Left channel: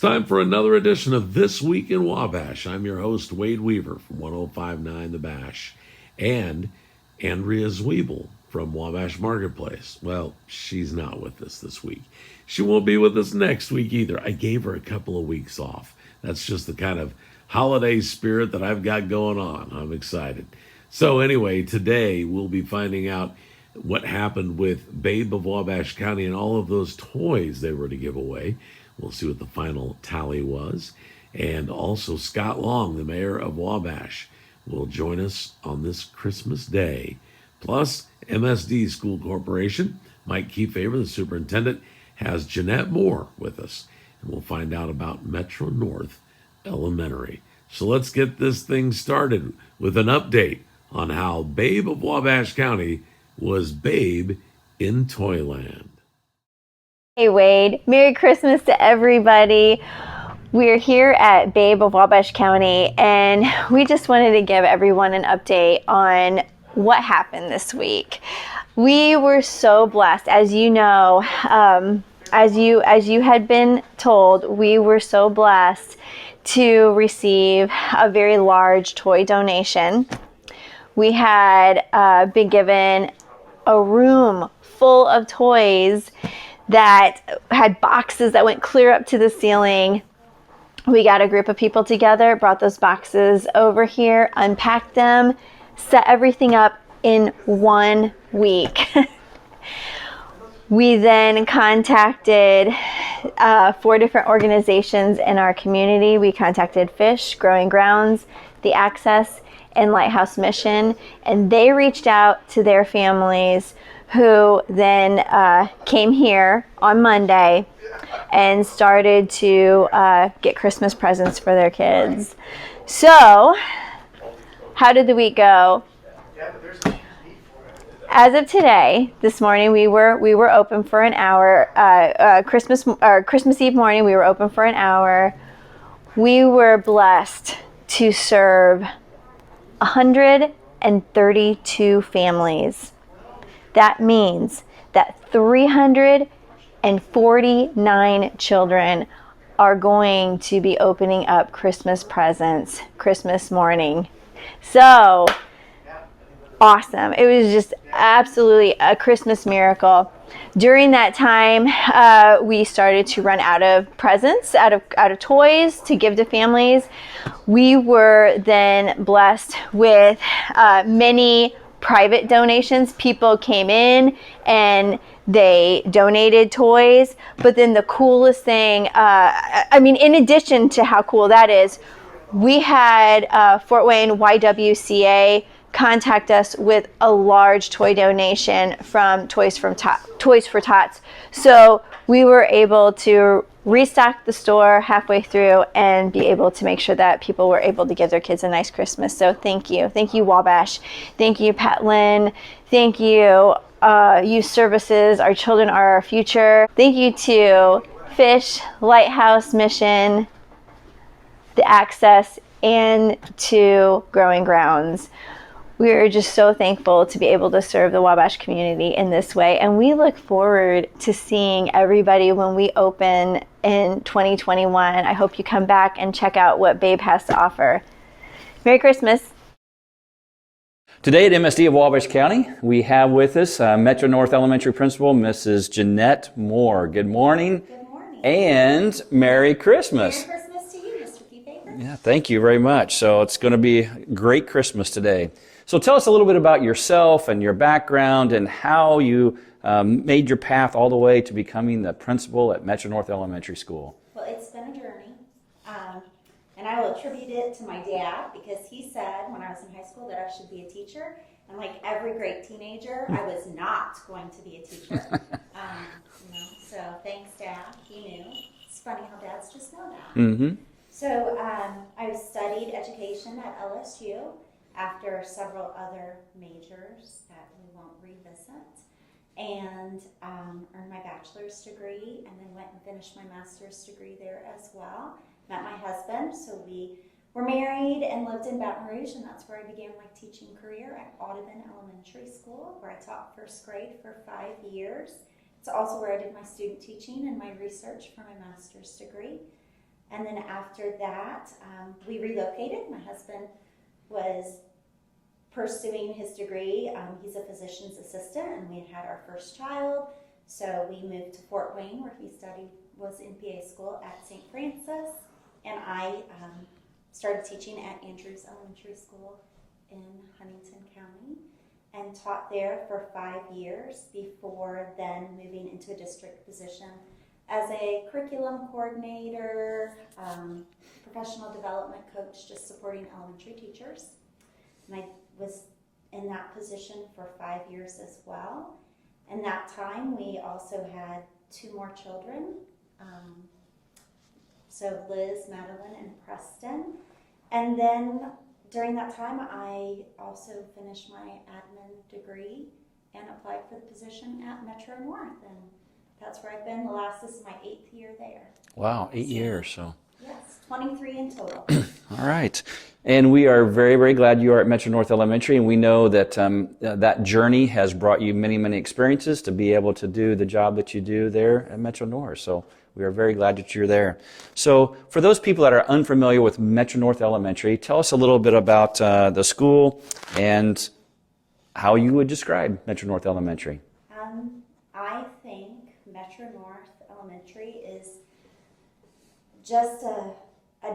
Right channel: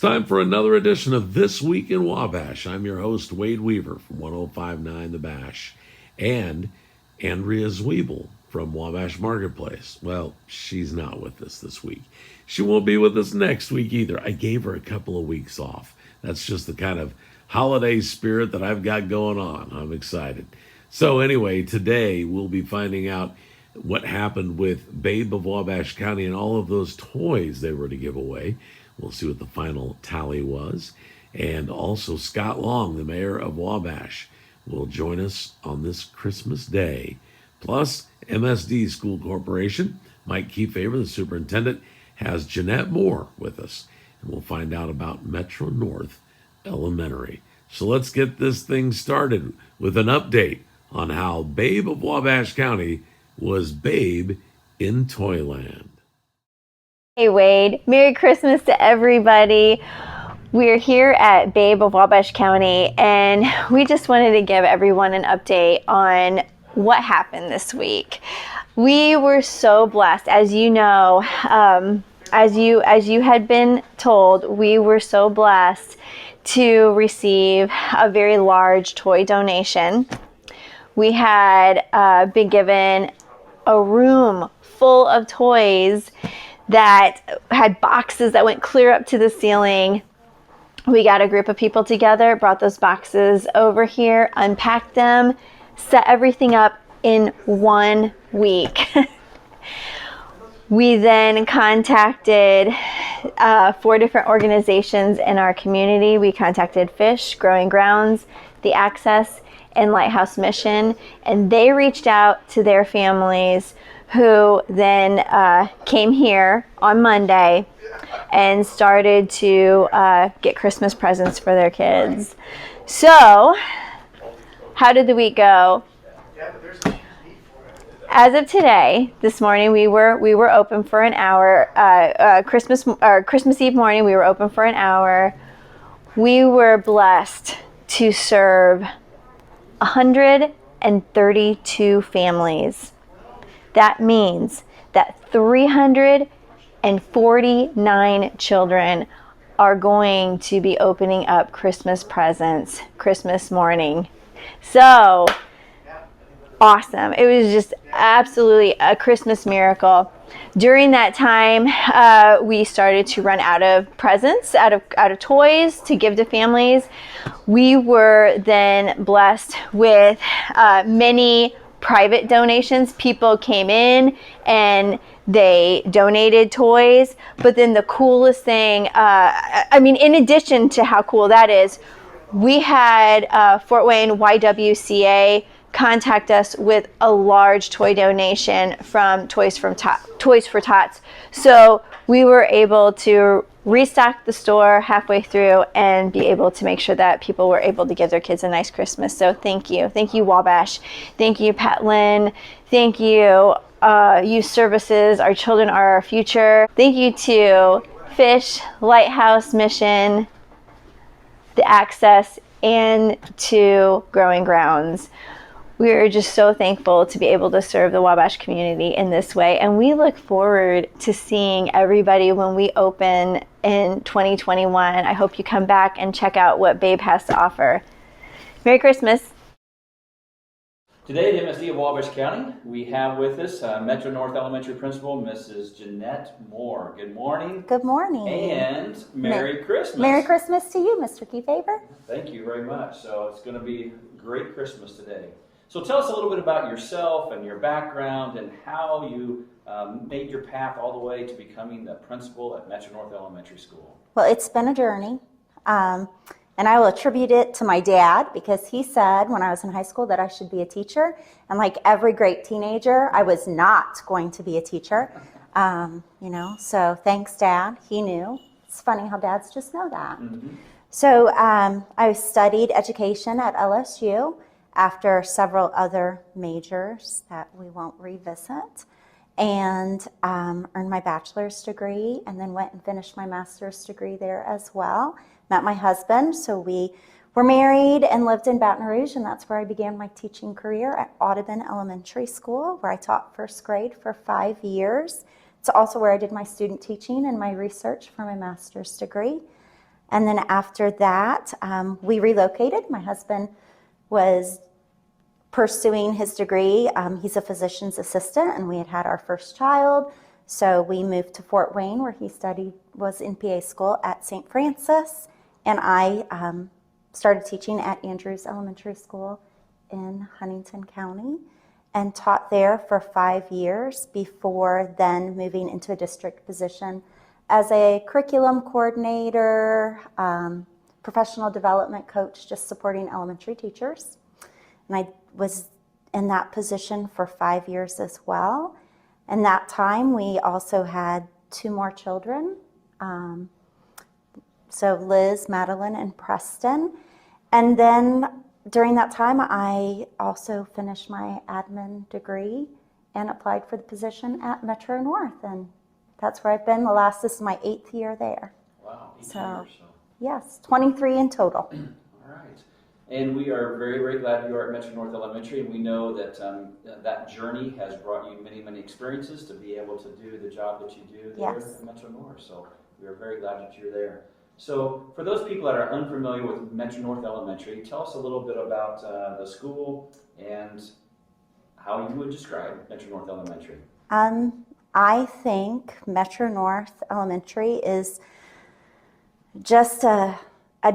It's time for another edition of This Week in Wabash. I'm your host, Wade Weaver from 105.9 The Bash, and Andrea Zwiebel from Wabash Marketplace. Well, she's not with us this week. She won't be with us next week either. I gave her a couple of weeks off. That's just the kind of holiday spirit that I've got going on. I'm excited. So anyway, today we'll be finding out what happened with Babe of Wabash County and all of those toys they were to give away. We'll see what the final tally was. And also Scott Long, the mayor of Wabash, will join us on this Christmas Day. Plus, MSD School Corporation, Mike Kiefaber, the superintendent, has Jeanette Moore with us. And we'll find out about Metro North Elementary. So let's get this thing started with an update on how Babe of Wabash County was Babe in Toyland. Hey Wade, Merry Christmas to everybody. We're here at Babe of Wabash County, and we just wanted to give everyone an update on what happened this week. We were so blessed, as you know, as you had been told, we were so blessed to receive a very large toy donation. We had been given a room full of toys that had boxes that went clear up to the ceiling. We got a group of people together, brought those boxes over here, unpacked them, set everything up in 1 week. We then contacted 4 different organizations in our community. We contacted Fish, Growing Grounds, The Access, and Lighthouse Mission, and they reached out to their families, who then came here on Monday and started to get Christmas presents for their kids. So, how did the week go? As of today, this morning, we were open for an hour. Christmas Eve morning, we were open for an hour. We were blessed to serve 132 families. That means that 349 children are going to be opening up Christmas presents Christmas morning. So awesome. It was just absolutely a Christmas miracle. During that time, we started to run out of presents, out of toys to give to families. We were then blessed with many private donations. People came in and they donated toys. But then the coolest thing, in addition to how cool that is, we had Fort Wayne YWCA contact us with a large toy donation from Toys for Tots. So we were able to restock the store halfway through and be able to make sure that people were able to give their kids a nice Christmas. So thank you. Thank you, Wabash. Thank you, Pat Lynn. Thank you, Youth Services. Our children are our future. Thank you to Fish, Lighthouse Mission, The Access, and to Growing Grounds. We are just so thankful to be able to serve the Wabash community in this way. And we look forward to seeing everybody when we open in 2021. I hope you come back and check out what Babe has to offer. Merry Christmas. Today at MSD of Wabash County, we have with us Metro North Elementary Principal, Mrs. Jeanette Moore. Good morning. Good morning. And Merry Christmas. Merry Christmas to you, Mr. Kiefaber. Yeah, thank you very much. So it's going to be a great Christmas today. So tell us a little bit about yourself and your background and how you made your path all the way to becoming the principal at Metro North Elementary School. Well, it's been a journey, and I will attribute it to my dad, because he said when I was in high school that I should be a teacher, and like every great teenager, I was not going to be a teacher. So thanks, Dad. He knew. It's funny how dads just know that. Mm-hmm. So I studied education at LSU after several other majors that we won't revisit, and earned my bachelor's degree, and then went and finished my master's degree there as well. Met my husband, so we were married and lived in Baton Rouge, and that's where I began my teaching career at Audubon Elementary School, where I taught first grade for 5 years. It's also where I did my student teaching and my research for my master's degree. And then after that, we relocated. My husband was pursuing his degree. He's a physician's assistant, and we had our first child. So we moved to Fort Wayne, where he was in PA school at St. Francis. And I started teaching at Andrews Elementary School in Huntington County and taught there for 5 years before then moving into a district position as a curriculum coordinator, professional development coach, just supporting elementary teachers. And I was in that position for 5 years as well. And that time we also had 2 more children. So Liz, Madeline, and Preston. And then during that time, I also finished my admin degree and applied for the position at Metro North. And that's where I've been this is my 8th year there. Wow, 8 years. So yes, 23 in total. All right. And we are very, very glad you are at Metro North Elementary, and we know that that journey has brought you many, many experiences to be able to do the job that you do there at Metro North. So we are very glad that you're there. So for those people that are unfamiliar with Metro North Elementary, tell us a little bit about the school and how you would describe Metro North Elementary. I think Metro North Elementary is just a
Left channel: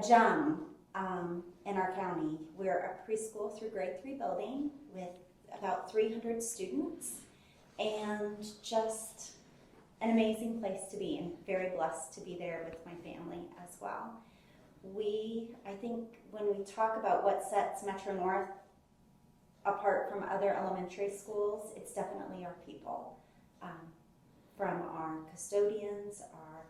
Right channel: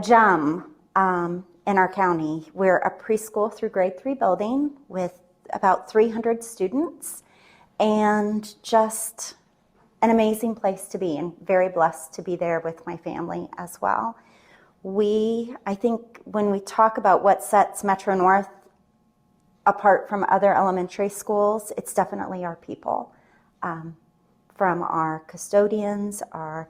gem in our county. We're a preschool through grade 3 building with about 300 students, and just an amazing place to be, and very blessed to be there with my family as well. I think when we talk about what sets Metro North apart from other elementary schools, it's definitely our people. From our custodians, our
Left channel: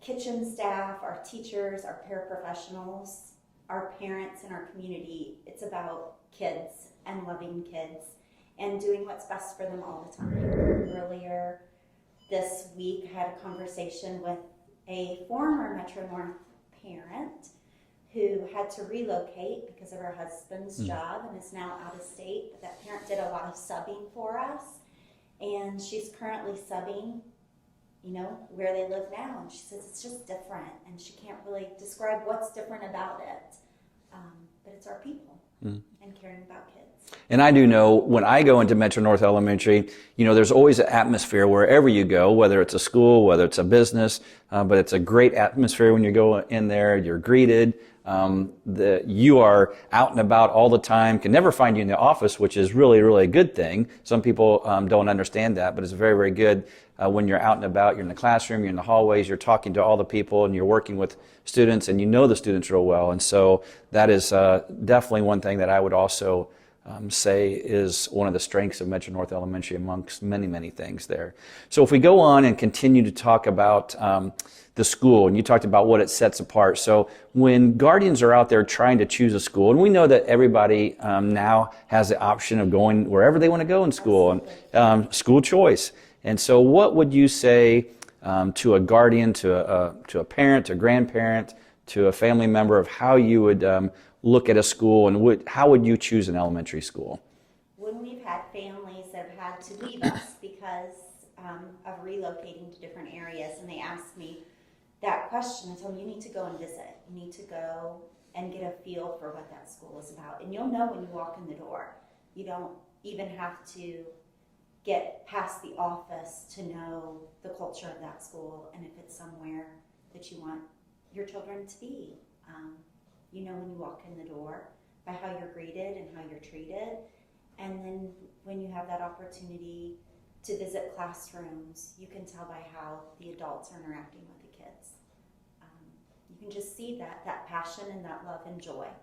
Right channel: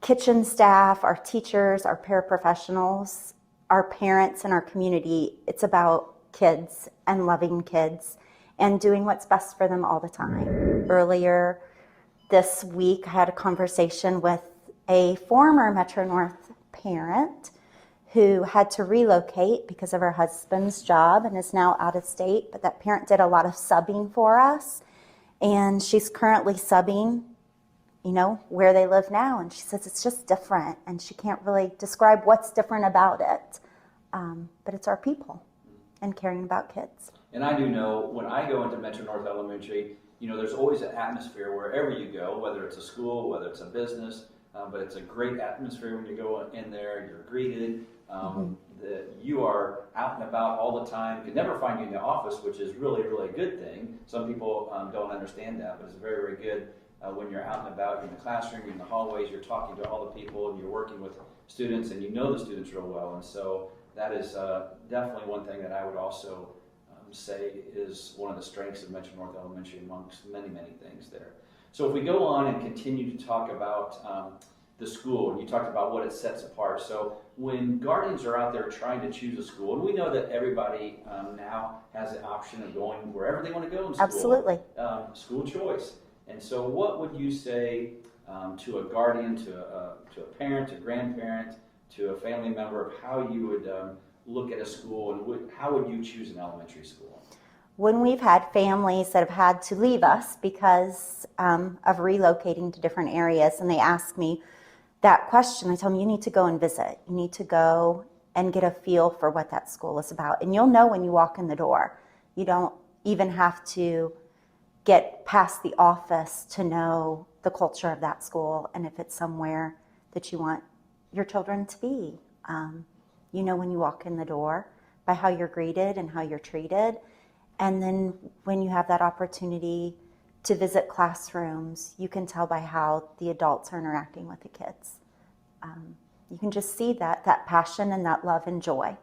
kitchen staff, our teachers, our paraprofessionals, our parents, and our community. It's about kids and loving kids and doing what's best for them all the time. Earlier this week, I had a conversation with a former Metro North parent who had to relocate because of her husband's job and is now out of state, but that parent did a lot of subbing for us. And she's currently subbing, where they live now. And she says it's just different. And she can't really describe what's different about it. But it's our people and caring about kids. And I do know when I go into Metro North Elementary, there's always an atmosphere wherever you go, whether it's a school, whether it's a business, but it's a great atmosphere when you go in there, you're greeted. You are out and about all the time, can never find you in the office, which is really, really a good thing. Some people don't understand that, but it's very, very good when you're out and about, you're in the classroom, you're in the hallways, you're talking to all the people, and you're working with students, and you know the students real well. And so that is definitely one thing that I would also say is one of the strengths of Metro North Elementary amongst many, many things there. So if we go on and continue to talk about the school, and you talked about what it sets apart. So when guardians are out there trying to choose a school, and we know that everybody now has the option of going wherever they want to go in school. Absolutely. School choice. And so what would you say to a guardian, to a parent, a grandparent, to a family member of how you would look at a school, and how would you choose an elementary school? When we've had families that have had to leave us because of relocating to different areas, and they ask me that question, I tell them, you need to go and visit. You need to go and get a feel for what that school is about. And you'll know when you walk in the door. You don't even have to get past the office to know the culture of that school and if it's somewhere that you want your children to be. You know when you walk in the door by how you're greeted and how you're treated. And then when you have that opportunity to visit classrooms, you can tell by how the adults are interacting with the kids. You can just see that passion and that love and joy.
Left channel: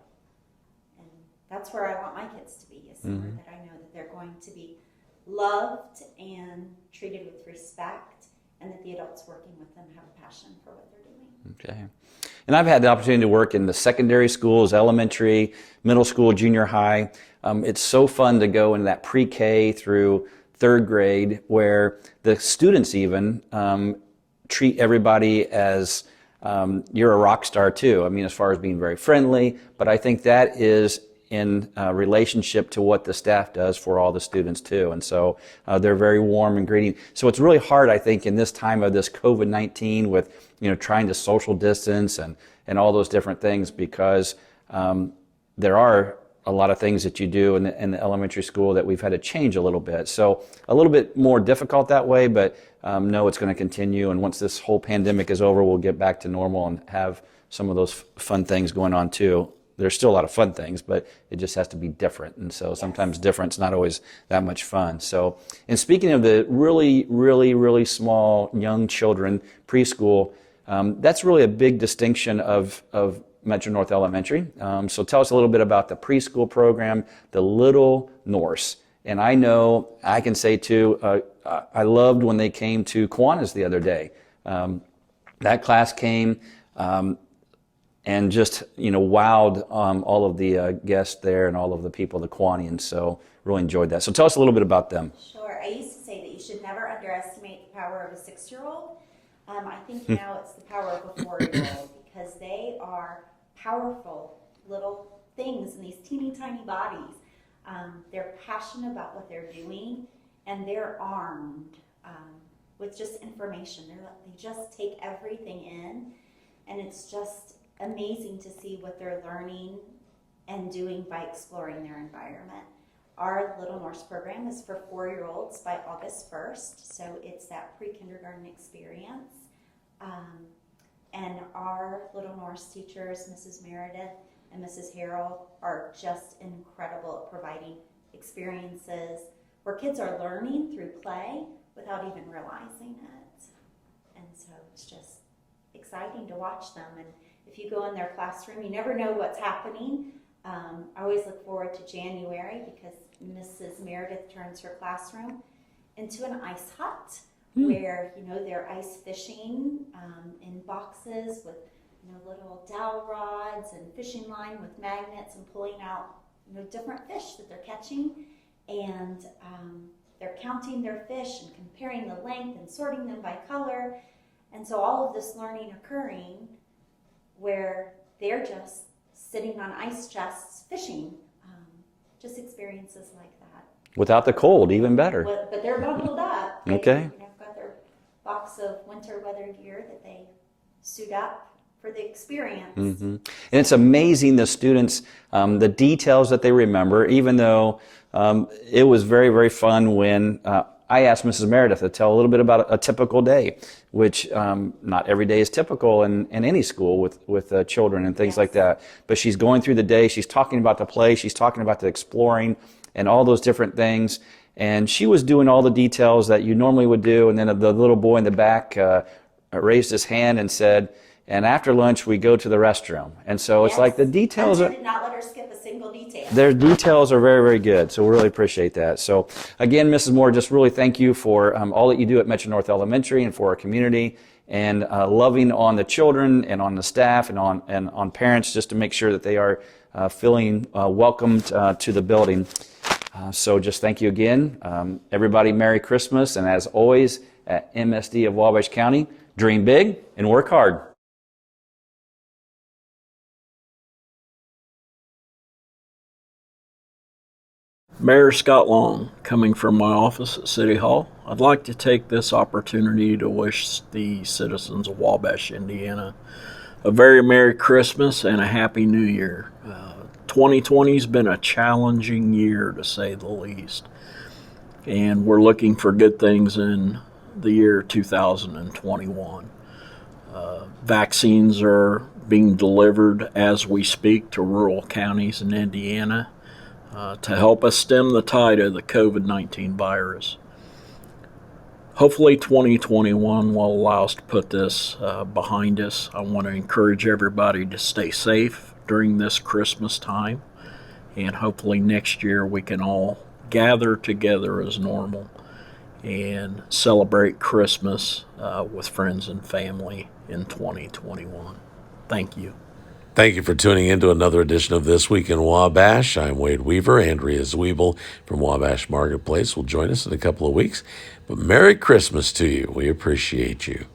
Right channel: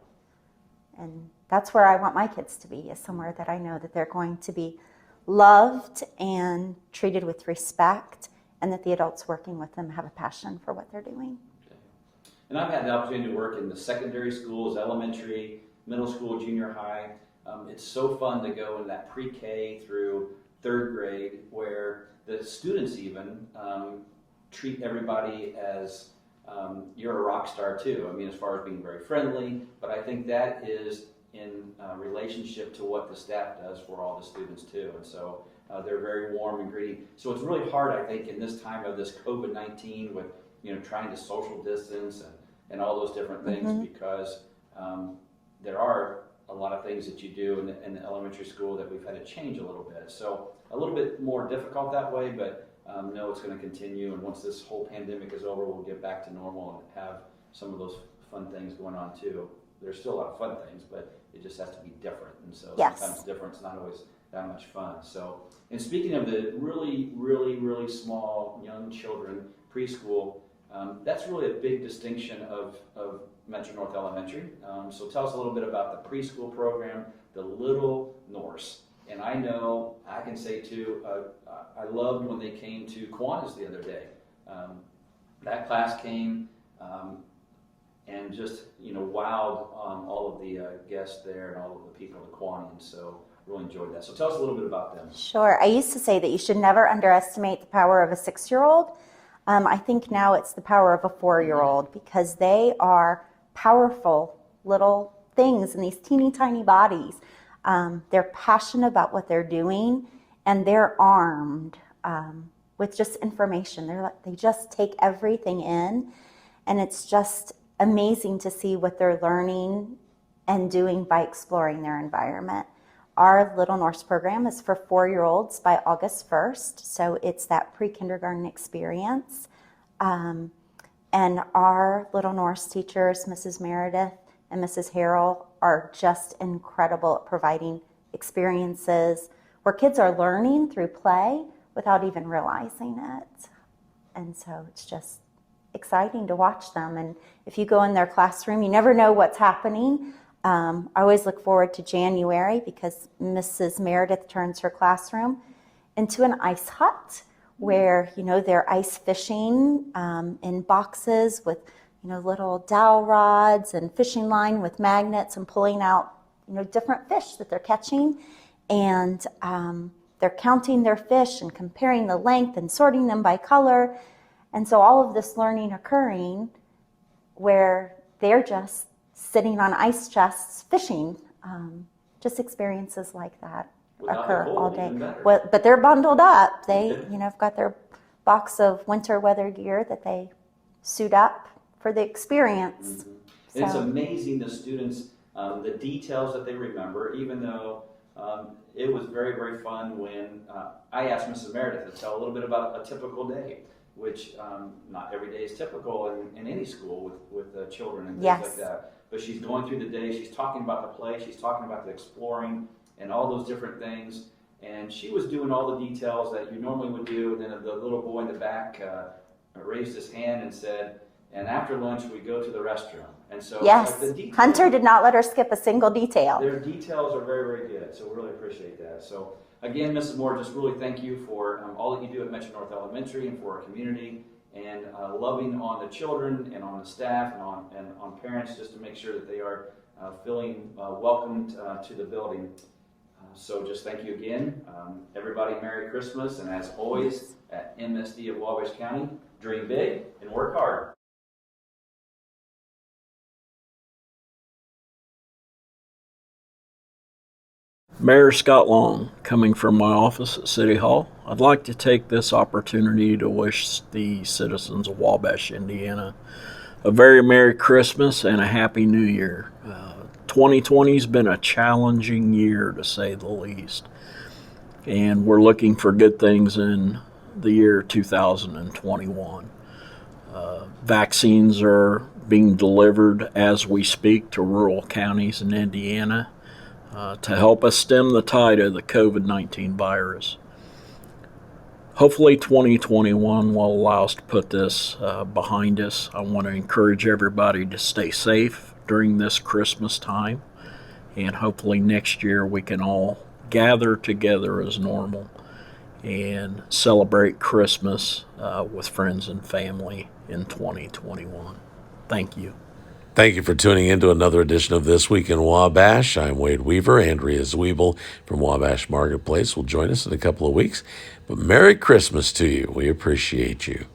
And that's where I want my kids to be, is somewhere that I know that they're going to be loved and treated with respect, and that the adults working with them have a passion for what they're doing. Okay. And I've had the opportunity to work in the secondary schools, elementary, middle school, junior high. It's so fun to go in that pre-K through third grade, where the students even treat everybody as you're a rock star too. I mean, as far as being very friendly, but I think that is in relationship to what the staff does for all the students too. And so they're very warm and greeting. So it's really hard, I think, in this time of this COVID-19 with trying to social distance and all those different things, because there are a lot of things that you do in the elementary school that we've had to change a little bit. So a little bit more difficult that way, but no, it's going to continue. And once this whole pandemic is over, we'll get back to normal and have some of those fun things going on too. There's still a lot of fun things, but it just has to be different. And so sometimes different's not always that much fun. So, and speaking of the really, really, really small young children, preschool, that's really a big distinction of Metro North Elementary. So tell us a little bit about the preschool program, the Little Norse. And I know I can say too, I loved when they came to Kiwanis the other day. That class came and just wowed all of the guests there and all of the people, the Kiwanians. So really enjoyed that. So tell us a little bit about them. Sure. I used to say that you should never underestimate the power of a 6-year-old. I think now it's the power of a 4-year-old, because they are powerful little things in these teeny tiny bodies. They're passionate about what they're doing, and they're armed with just information. They just take everything in, and it's just amazing to see what they're learning and doing by exploring their environment. Our Little Norse program is for 4-year-olds by August 1st, so it's that pre-kindergarten experience. And our Little Norse teachers, Mrs. Meredith and Mrs. Harrell, are just incredible at providing experiences where kids are learning through play without even realizing it. And so it's just exciting to watch them. And if you go in their classroom, you never know what's happening. I always look forward to January, because Mrs. Meredith turns her classroom into an ice hut where, they're ice fishing in boxes with, little dowel rods and fishing line with magnets, and pulling out, different fish that they're catching. And they're counting their fish and comparing the length and sorting them by color. And so all of this learning occurring where they're just sitting on ice chests fishing, just experiences like that. Without the cold, even better. But they're bundled up. They, Okay. have got their box of winter weather gear that they suit up for the experience. And it's amazing, the students, the details that they remember, even though it was very, very fun when I asked Mrs. Meredith to tell a little bit about a typical day, which not every day is typical in any school with children and things like that. But she's going through the day, she's talking about the play, she's talking about the exploring and all those different things. And she was doing all the details that you normally would do. And then the little boy in the back raised his hand and said, and after lunch, we go to the restroom. And so it's like the details. Hunter did not let her skip a single detail. Their details are very, very good. So we really appreciate that. So again, Mrs. Moore, just really thank you for all that you do at Metro North Elementary and for our community, and loving on the children and on the staff and on parents, just to make sure that they are feeling welcomed to the building. So just thank you again. Everybody, Merry Christmas. And as always, at MSD of Wabash County, dream big and work hard. Mayor Scott Long, coming from my office at City Hall. I'd like to take this opportunity to wish the citizens of Wabash, Indiana, a very Merry Christmas and a Happy New Year. 2020's been a challenging year, to say the least, and we're looking for good things in the year 2021. Vaccines are being delivered as we speak to rural counties in Indiana to help us stem the tide of the COVID-19 virus. Hopefully 2021 will allow us to put this behind us. I want to encourage everybody to stay safe during this Christmas time, and hopefully next year we can all gather together as normal and celebrate Christmas with friends and family in 2021. Thank you. Thank you for tuning in to another edition of This Week in Wabash. I'm Wade Weaver. Andrea Zwiebel from Wabash Marketplace will join us in a couple of weeks. But Merry Christmas to you. We appreciate you.